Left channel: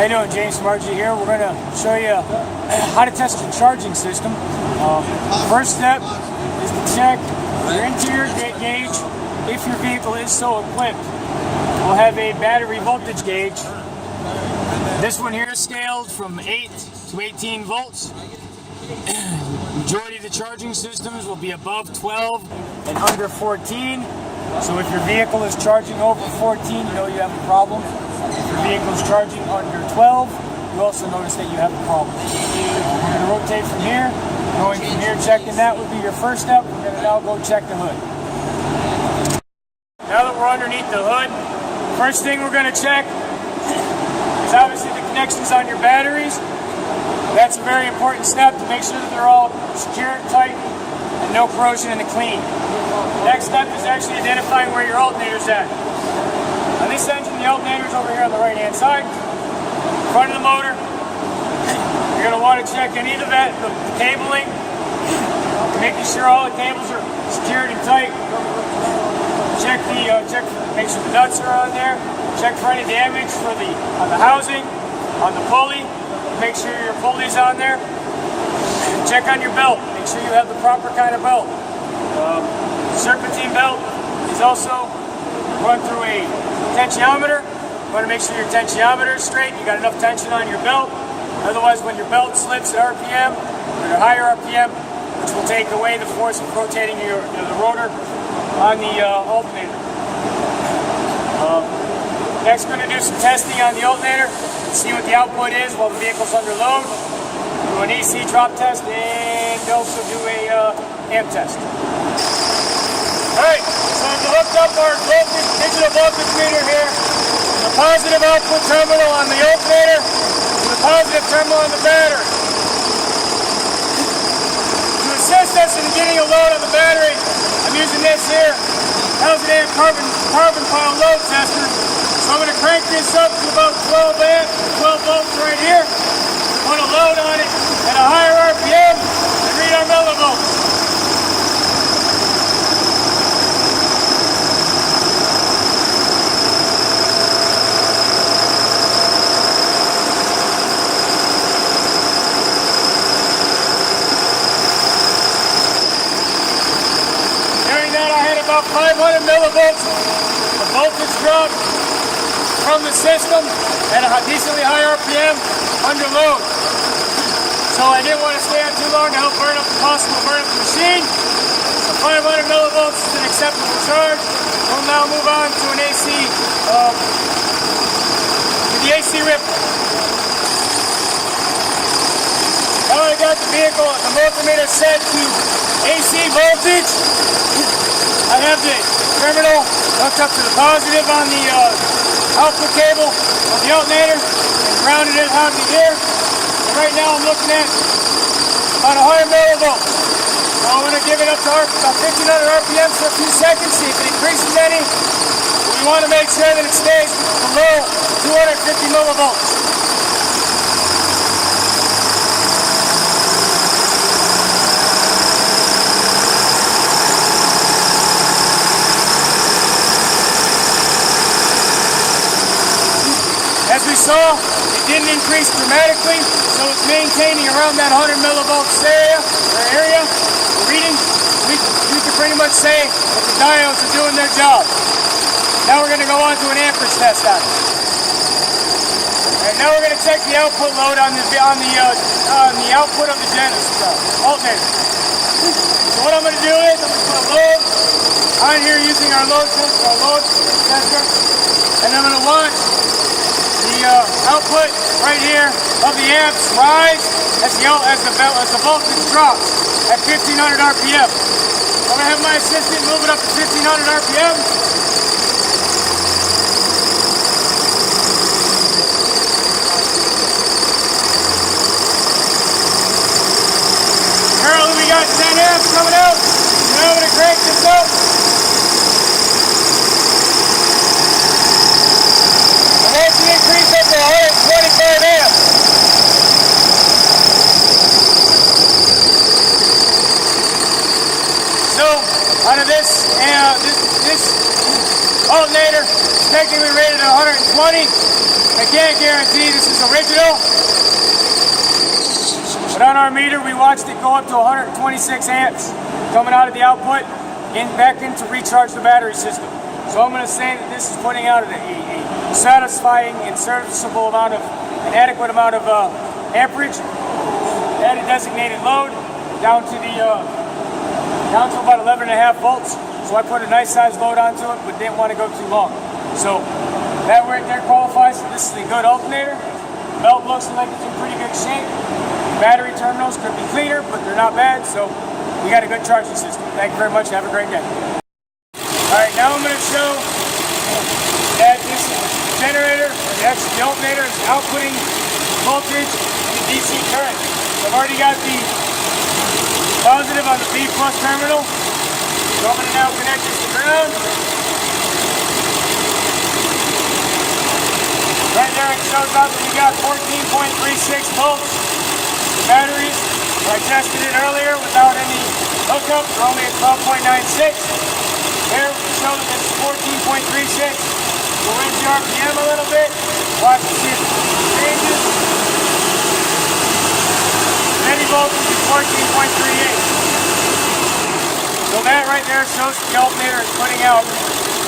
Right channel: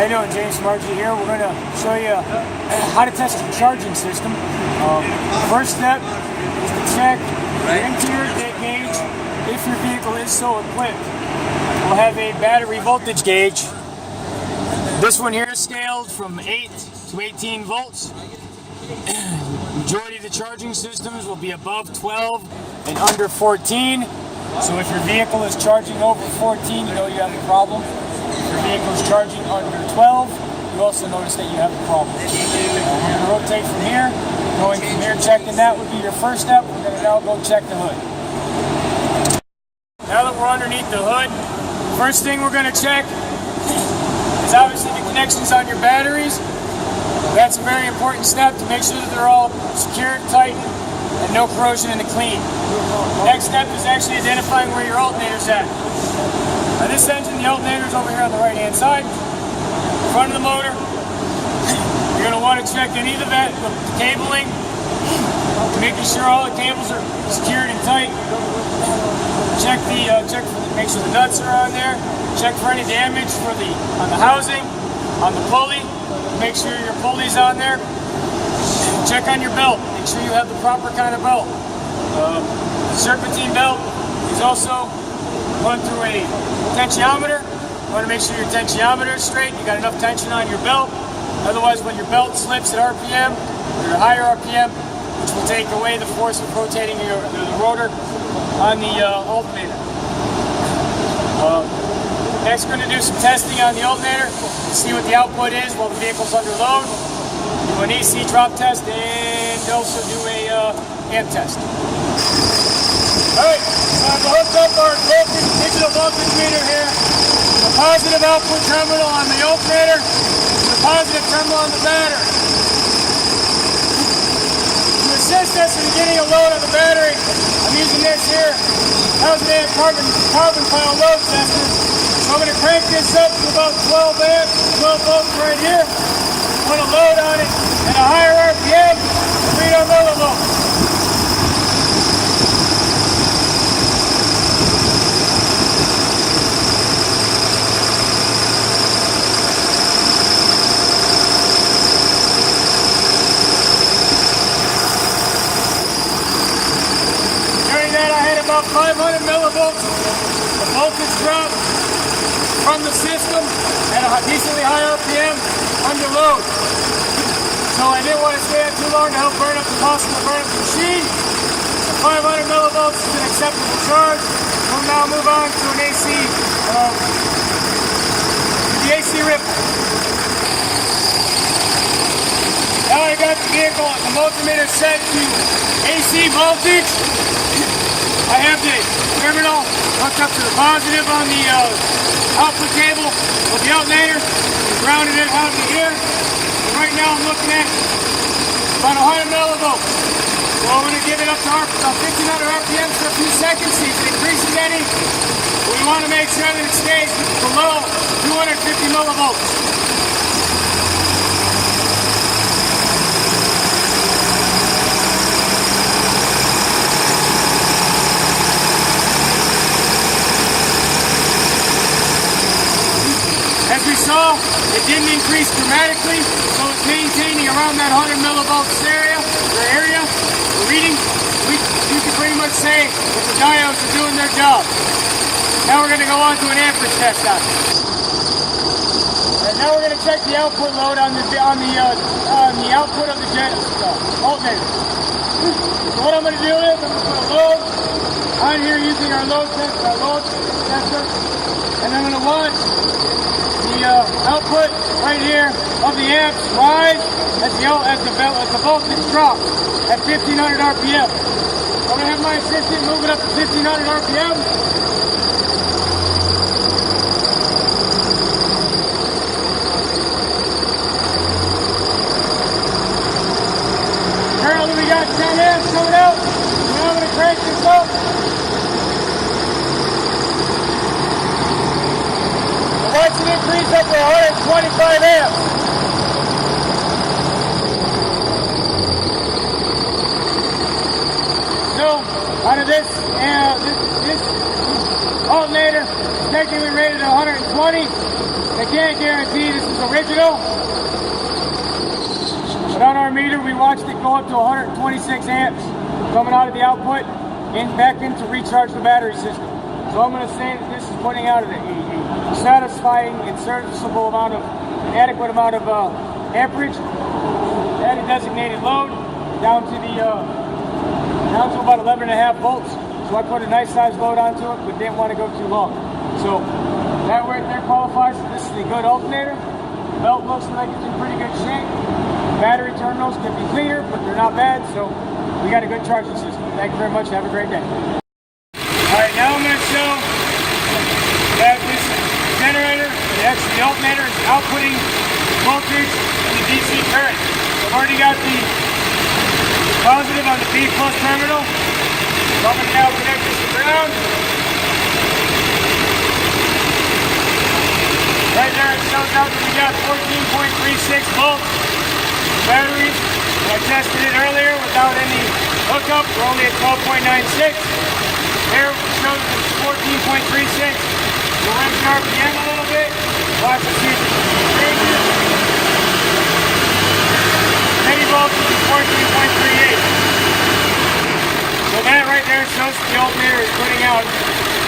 How you doing? James Margie here. We're going to show you how to test your charging system. First step is to check your interior gauge if your vehicle is so equipped. We'll have a battery voltage gauge. This one here is scaled from 8 to 18 volts. Majority of the charging systems will be above 12 and under 14. So if your vehicle is charging over 14, you know you have a problem. If your vehicle is charging under 12, you also notice that you have a problem. We're going to rotate from here. Going from here, checking that would be your first step. We're going to now go check the hood. Now that we're underneath the hood, first thing we're going to check is obviously the connections on your batteries. That's a very important step to make sure that they're all secured, tight, and no corrosion in the clean. Next step is actually identifying where your alternator's at. On this engine, the alternator's over here on the right-hand side, in front of the motor. You're going to want to check any of the cabling, making sure all the cables are secured and tight. Make sure the nuts are on there. Check for any damage on the housing, on the pulley. Make sure your pulley's on there. Check on your belt. Make sure you have the proper kind of belt. Serpentine belt is also run through a tensiometer. You want to make sure your tensiometer is straight. You got enough tension on your belt. Otherwise, when your belt slips at RPM, or higher RPM, which will take away the force of rotating the rotor on the alternator. Next, we're going to do some testing on the alternator to see what the output is while the vehicle's under load. Do an AC drop test and also do a amp test. Alright, so I've hooked up our digital voltage meter here. The positive output terminal on the alternator, the positive terminal on the battery. To assist us in getting a load on the battery, I'm using this here 1000 amp carbon pile load tester. So I'm going to crank this up to about 12 volts right here. Put a load on it at a higher RPM and read our millivolts. During that I had about 500 millivolts of voltage drop from the system at a decently high RPM under load. So I didn't want to stay on too long to help burn up the machine. So 500 millivolts is an acceptable charge. We'll now move on to an AC, the AC ripple. Now I got the vehicle, the multimeter set to AC voltage. I have the terminal hooked up to the positive on the output cable of the alternator, grounded it out of here. And right now I'm looking at about 100 millivolts. So I'm going to give it up to about 1500 RPM for a few seconds, see if it increases any. We want to make sure that it stays below 250 millivolts. As we saw, it didn't increase dramatically, so it's maintaining around that 100 millivolts area. The reading, you can pretty much say that the diodes are doing their job. Now we're going to go on to an amperage test on it. And now we're going to check the output load on the output of the alternator. So what I'm going to do is I'm going to put a load on here using our load tester, and I'm going to watch the output right here of the amps rise as the voltage drops at 1500 RPM. I'm going to have my assistant move it up to 1500 RPM. Currently we got 10 amps coming out. So now I'm going to crank this up. Watch it increase up to 125 amps. So out of this alternator, technically rated at 120. I can't guarantee this is original. But on our meter, we watched it go up to 126 amps coming out of the output and back in to recharge the battery system. So I'm going to say that this is putting out a satisfying and serviceable amount of, an adequate amount of amperage at a designated load down to about 11.5 volts. So I put a nice size load onto it, but didn't want to go too long. So that right there qualifies. This is a good alternator. Belt looks like it's in pretty good shape. Battery terminals could be cleaner, but they're not bad. So we got a good charging system. Thank you very much. Have a great day. All right, now I'm going to show that this generator, actually the alternator, is outputting voltage in the DC current. So I've already got the positive on the B plus terminal. So I'm going to now connect this to ground. Right there it shows out that we got 14.36 volts. The batteries, I tested it earlier without any hookup. We're only at 12.96. Here we show that it's 14.36. We'll raise the RPM a little bit. Watch and see if it changes. Steady voltage is 14.38. So that right there shows the alternator is putting out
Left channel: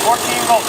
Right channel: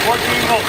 14 volts.